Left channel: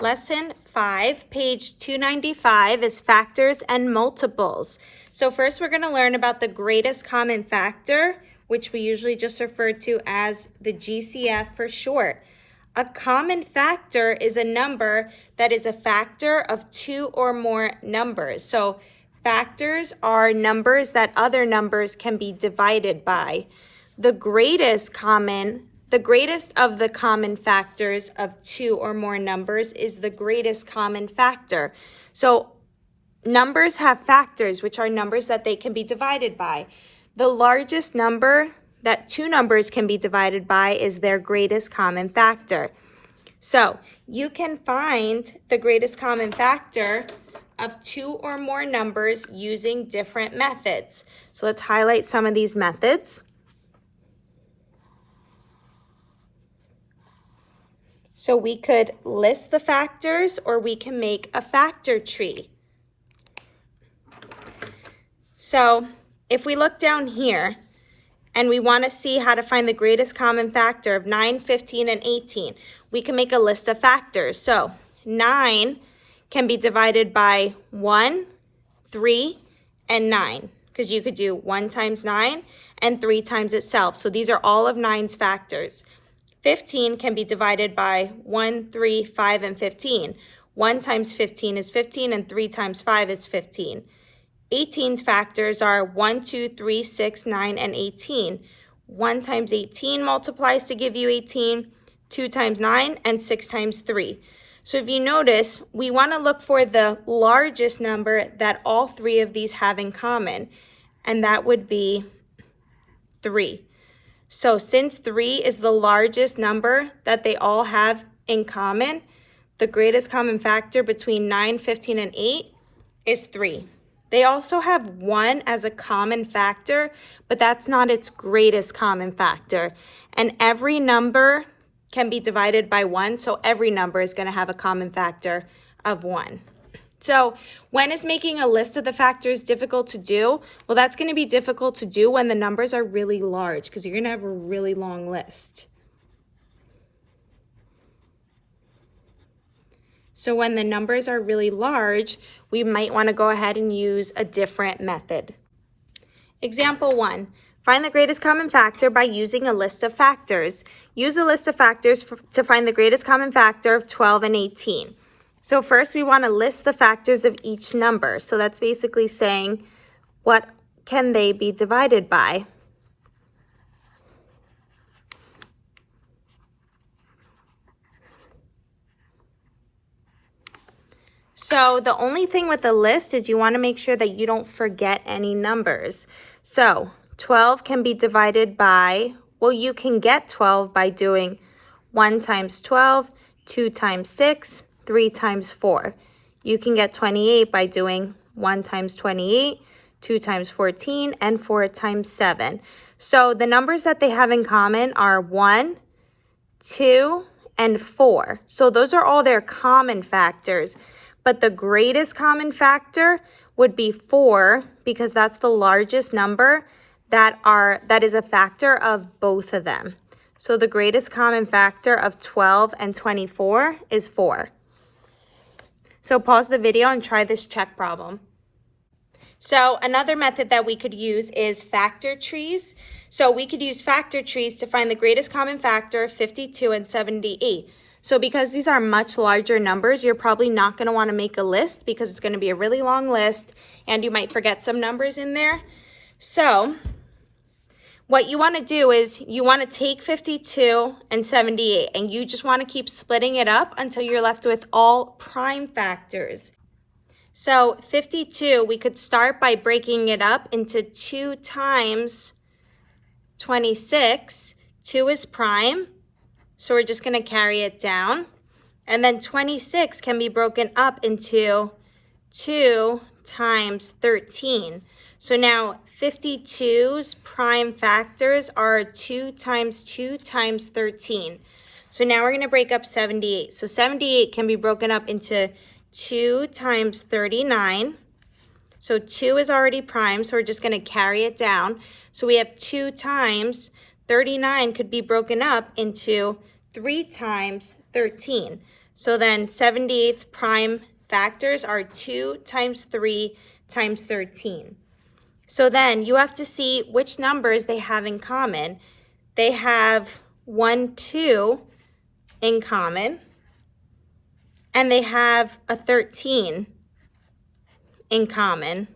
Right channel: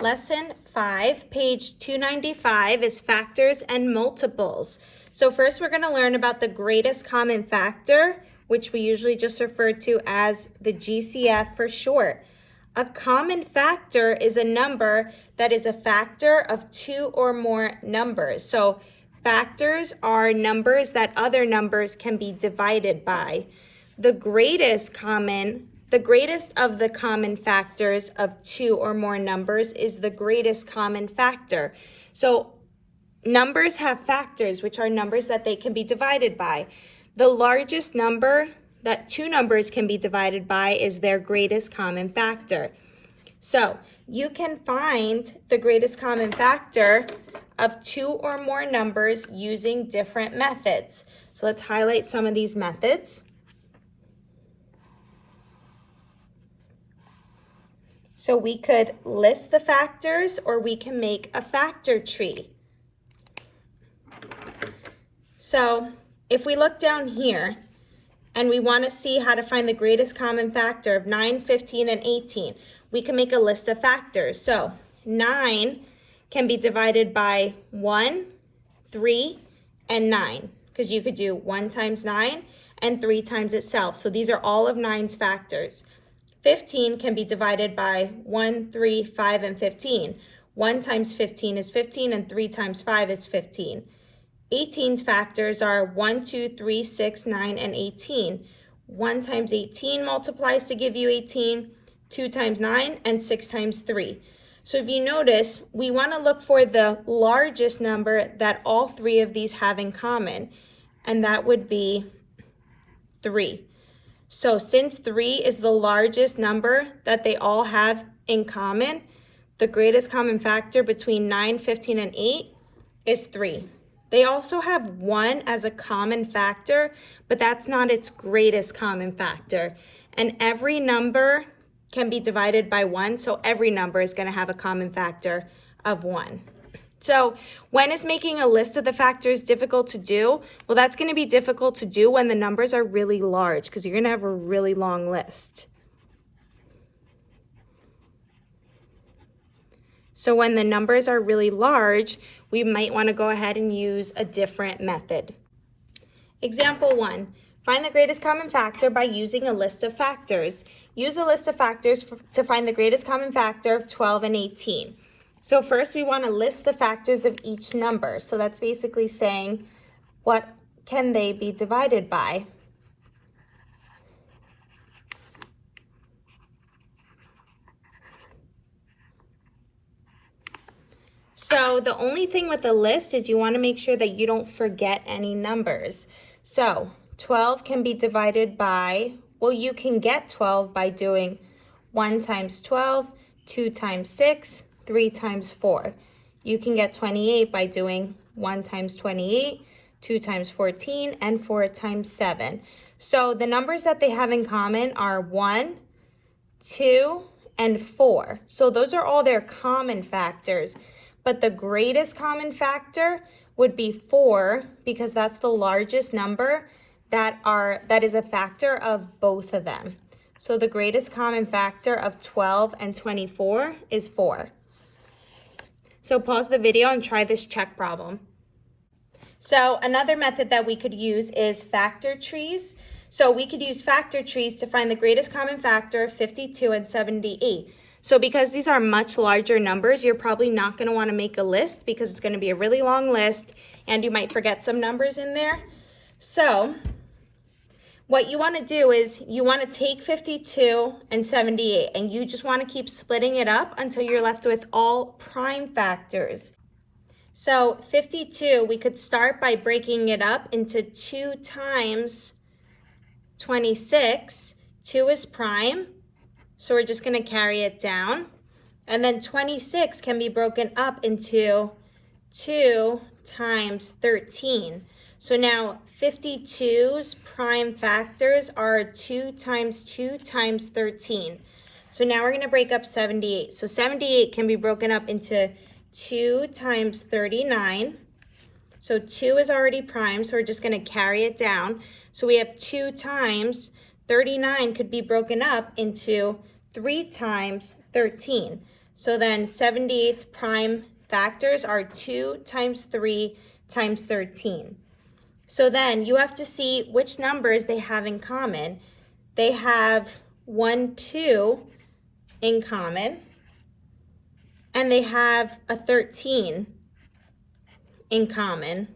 Lesson 5, page 295 is factors and multiples. So first we're going to learn about the greatest common factor, which we usually just refer to as the GCF for short. A common factor is a number that is a factor of two or more numbers. So factors are numbers that other numbers can be divided by. The greatest of the common factors of two or more numbers is the greatest common factor. So numbers have factors, which are numbers that they can be divided by. The largest number that two numbers can be divided by is their greatest common factor. So you can find the greatest common factor of two or more numbers using different methods. So let's highlight some of these methods. So we could list the factors, or we can make a factor tree. So if we look down here and we want to see how to find the greatest common factor of 9, 15, and 18, we can make a list of factors. So 9 can be divided by 1, 3, and 9, because you could do 1 times 9 and 3 times itself. So these are all of 9's factors. 15 can be divided by 1, 3, 5, and 15. 1 times 15 is 15, and 3 times 5 is 15. 18's factors are 1, 2, 3, 6, 9, and 18. 1 times 18 multiplies to give you 18, 2 times 9, and 6 times 3. So if you notice, we want to look for the largest number that all three of these have in common, and that would be 3. So since 3 is the largest number that they all have in common, the greatest common factor between 9, 15, and 8 is 3. They also have 1 as a common factor, but that's not its greatest common factor. And every number can be divided by 1, so every number is going to have a common factor of 1. So when is making a list of the factors difficult to do? Well, that's going to be difficult to do when the numbers are really large, because you're going to have a really long list. So when the numbers are really large, we might want to go ahead and use a different method. Example 1, find the greatest common factor by using a list of factors. Use a list of factors to find the greatest common factor of 12 and 18. So first we want to list the factors of each number. So that's basically saying, what can they be divided by? So the only thing with the list is you want to make sure that you don't forget any numbers. So 12 can be divided by, well, you can get 12 by doing 1 times 12, 2 times 6, 3 times 4. You can get 28 by doing 1 times 28, 2 times 14, and 4 times 7. So the numbers that they have in common are 1, 2, and 4. So those are all their common factors. But the greatest common factor would be 4, because that's the largest number that is a factor of both of them. So the greatest common factor of 12 and 24 is 4. So pause the video and try this check problem. So another method that we could use is factor trees. So we could use factor trees to find the greatest common factor of 52 and 78. So because these are much larger numbers, you're probably not going to want to make a list, because it's going to be a really long list and you might forget some numbers in there. So what you want to do is you want to take 52 and 78, and you just want to keep splitting it up until you're left with all prime factors. So 52, we could start by breaking it up into 2 times 26. 2 is prime, so we're just going to carry it down. And then 26 can be broken up into 2 times 13. So now 52's prime factors are 2 times 2 times 13. So now we're going to break up 78. So 78 can be broken up into 2 times 39. So 2 is already prime, so we're just going to carry it down. So we have 2 times 39 could be broken up into 3 times 13. So then 78's prime factors are 2 times 3 times 13. So then you have to see which numbers they have in common. They have 1, 2 in common, and they have a 13 in common.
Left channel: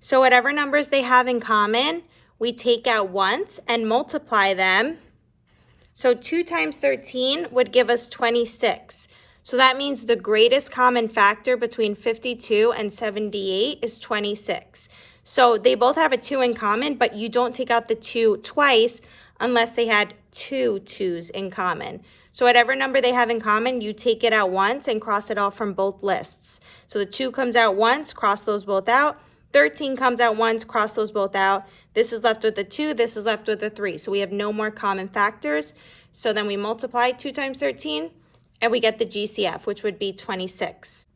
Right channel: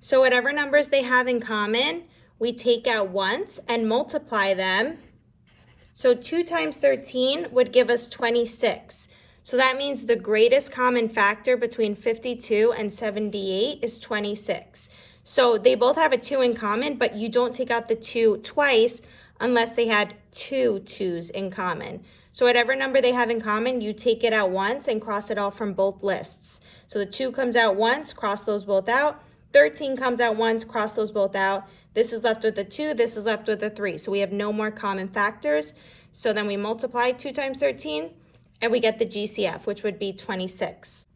So whatever numbers they have in common, we take out once and multiply them. So 2 times 13 would give us 26. So that means the greatest common factor between 52 and 78 is 26. So they both have a 2 in common, but you don't take out the 2 twice unless they had 2 2's in common. So whatever number they have in common, you take it out once and cross it off from both lists. So the 2 comes out once, cross those both out. 13 comes out once, cross those both out. This is left with a 2, this is left with a 3. So we have no more common factors. So then we multiply 2 times 13, and we get the GCF, which would be 26.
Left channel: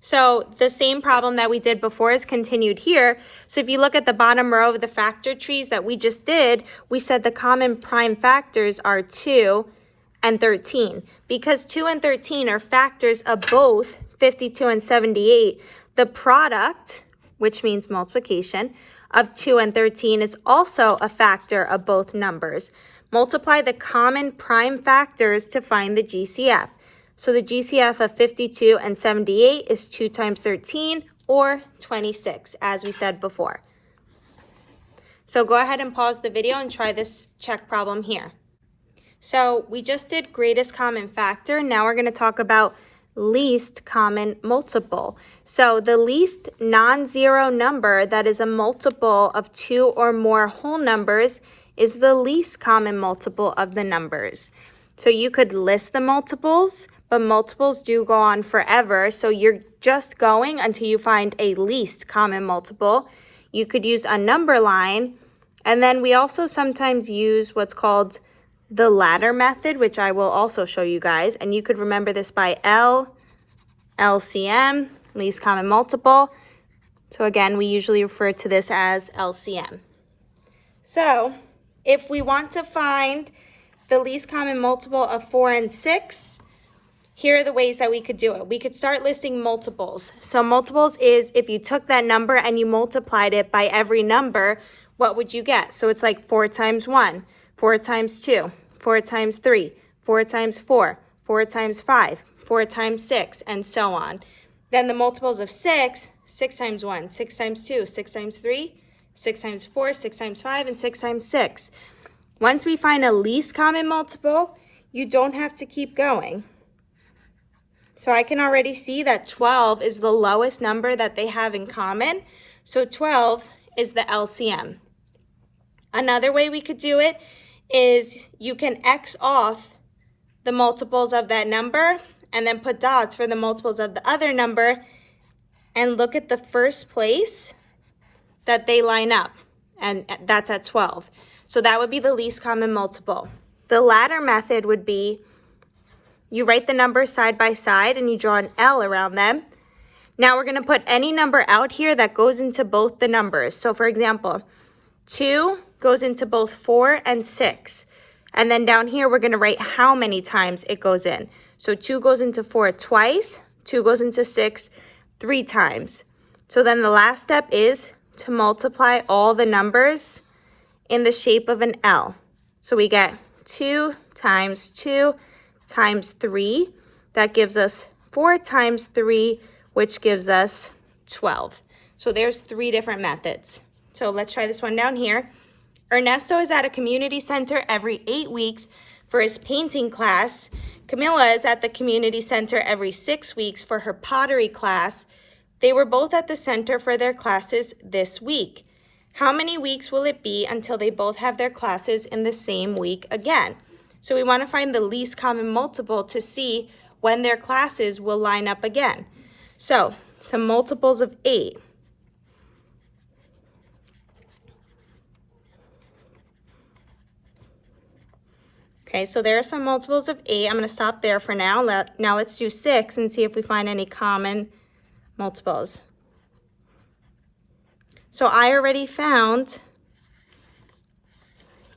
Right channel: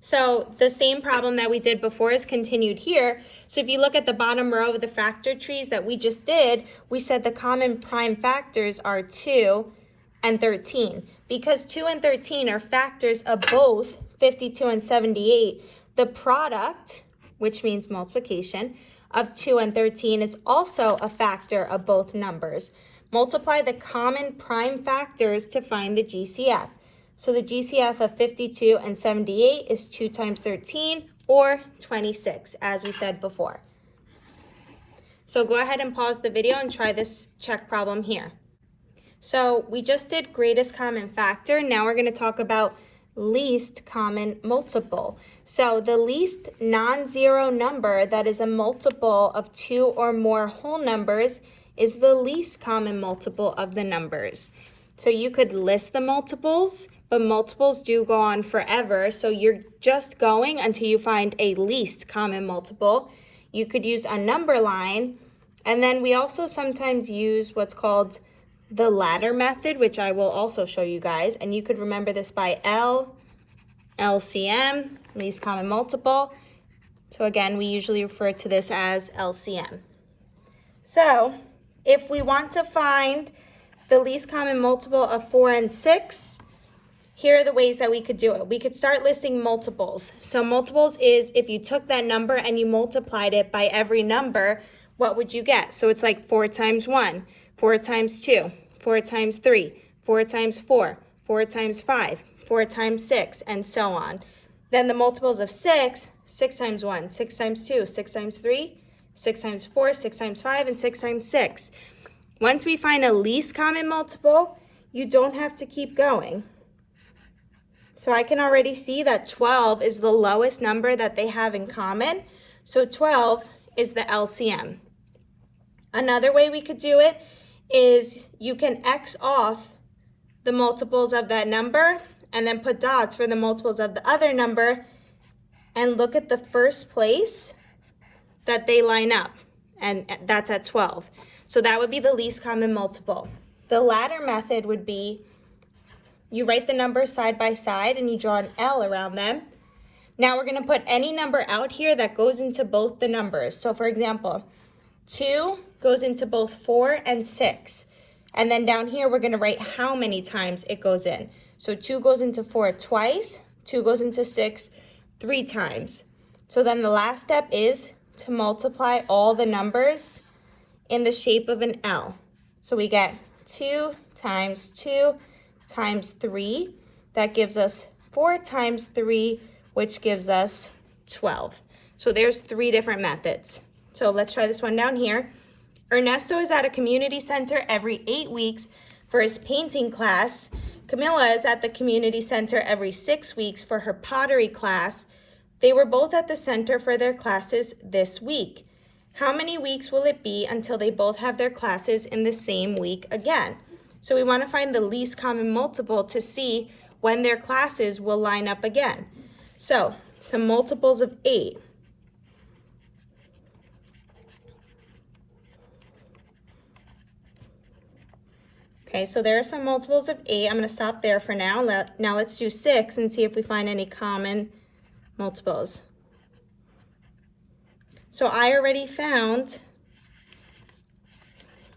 So the same problem that we did before is continued here. So if you look at the bottom row of the factor trees that we just did, we said the common prime factors are 2 and 13. Because 2 and 13 are factors of both 52 and 78, the product, which means multiplication, of 2 and 13 is also a factor of both numbers. Multiply the common prime factors to find the GCF. So the GCF of 52 and 78 is 2 times 13, or 26, as we said before. So go ahead and pause the video and try this check problem here. So we just did greatest common factor. Now we're going to talk about least common multiple. So the least non-zero number that is a multiple of 2 or more whole numbers is the least common multiple of the numbers. So you could list the multiples, but multiples do go on forever. So you're just going until you find a least common multiple. You could use a number line, and then we also sometimes use what's called the ladder method, which I will also show you guys. And you could remember this by LCM, least common multiple. So again, we usually refer to this as LCM. So if we want to find the least common multiple of 4 and 6, here are the ways that we could do it. We could start listing multiples. So multiples is if you took that number and you multiplied it by every number, what would you get? So it's like 4 times 1, 4 times 2, 4 times 3, 4 times 4, 4 times 5, 4 times 6, and so on. Then the multiples of 6, 6 times 1, 6 times 2, 6 times 3, 6 times 4, 6 times 5, and 6 times 6. Once we find a least common multiple, you don't have to keep going. So I can already see that 12 is the lowest number that they have in common. So 12 is the LCM. Another way we could do it is you can X off the multiples of that number and then put dots for the multiples of the other number and look at the first place that they line up, and that's at 12. So that would be the least common multiple. The ladder method would be you write the numbers side by side and you draw an L around them. Now we're going to put any number out here that goes into both the numbers. So for example, 2 goes into both 4 and 6. And then down here, we're going to write how many times it goes in. So 2 goes into 4 twice, 2 goes into 6 3 times. So then the last step is to multiply all the numbers in the shape of an L. So we get 2 times 2 times 3. That gives us 4 times 3, which gives us 12. So there's 3 different methods. So let's try this one down here. Ernesto is at a community center every 8 weeks for his painting class. Camilla is at the community center every 6 weeks for her pottery class. They were both at the center for their classes this week. How many weeks will it be until they both have their classes in the same week again? So we want to find the least common multiple to see when their classes will line up again. So some multiples of 8. Okay, so there are some multiples of 8. I'm going to stop there for now. Now let's do 6 and see if we find any common multiples. So I already found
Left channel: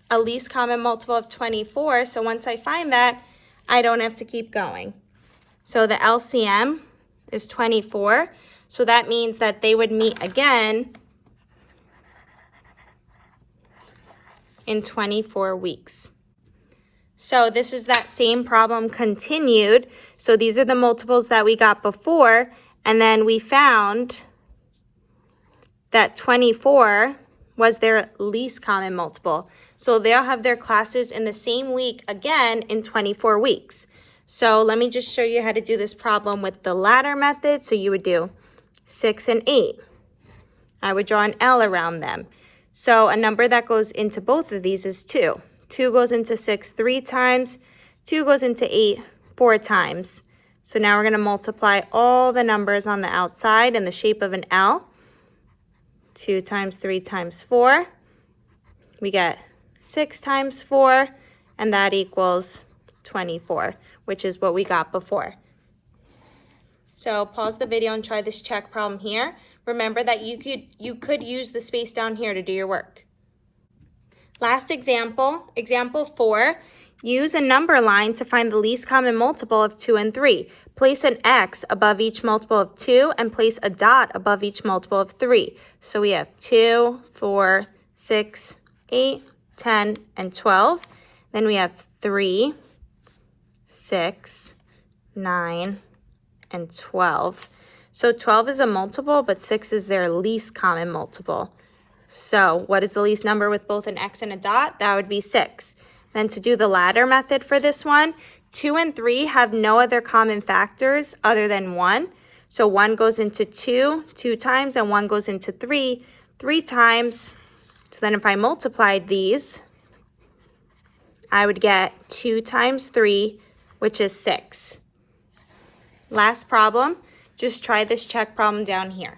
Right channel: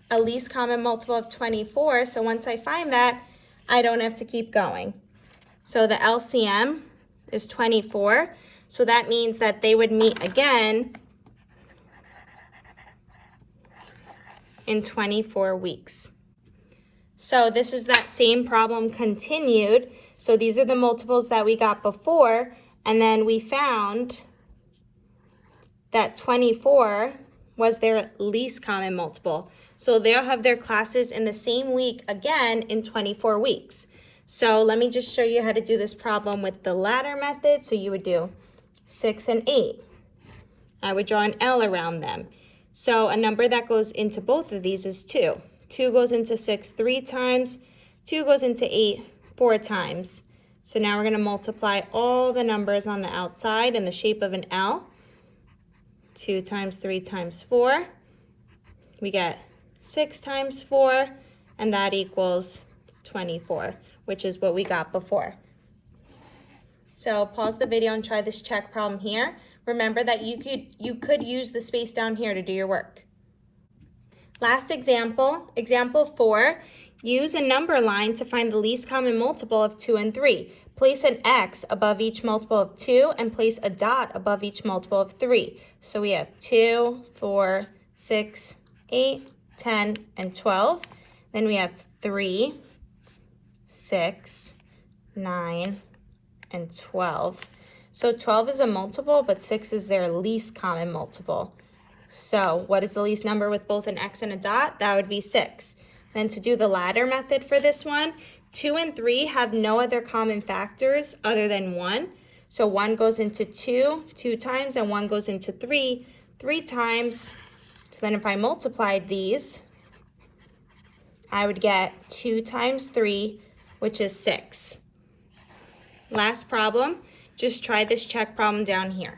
a least common multiple of 24. So once I find that, I don't have to keep going. So the LCM is 24. So that means that they would meet again in 24 weeks. So this is that same problem continued. So these are the multiples that we got before, and then we found that 24 was their least common multiple. So they'll have their classes in the same week again in 24 weeks. So let me just show you how to do this problem with the ladder method. So you would do 6 and 8. I would draw an L around them. So a number that goes into both of these is 2. 2 goes into 6 3 times. 2 goes into 8 4 times. So now we're going to multiply all the numbers on the outside in the shape of an L. 2 times 3 times 4. We get 6 times 4, and that equals 24, which is what we got before. So pause the video and try this check problem here. Remember that you could use the space down here to do your work. Last example, example 4. Use a number line to find the least common multiple of 2 and 3. Place an X above each multiple of 2 and place a dot above each multiple of 3. So we have 2, 4, 6, 8, 10, and 12. Then we have 3, 6, 9, and 12. So 12 is a multiple, but 6 is their least common multiple. So what is the least number with both an X and a dot? That would be 6. Then to do the ladder method for this one, 2 and 3 have no other common factors other than 1. So 1 goes into 2 2 times, and 1 goes into 3 3 times. So then if I multiplied these, I would get 2 times 3, which is 6. Last problem, just try this check problem down here.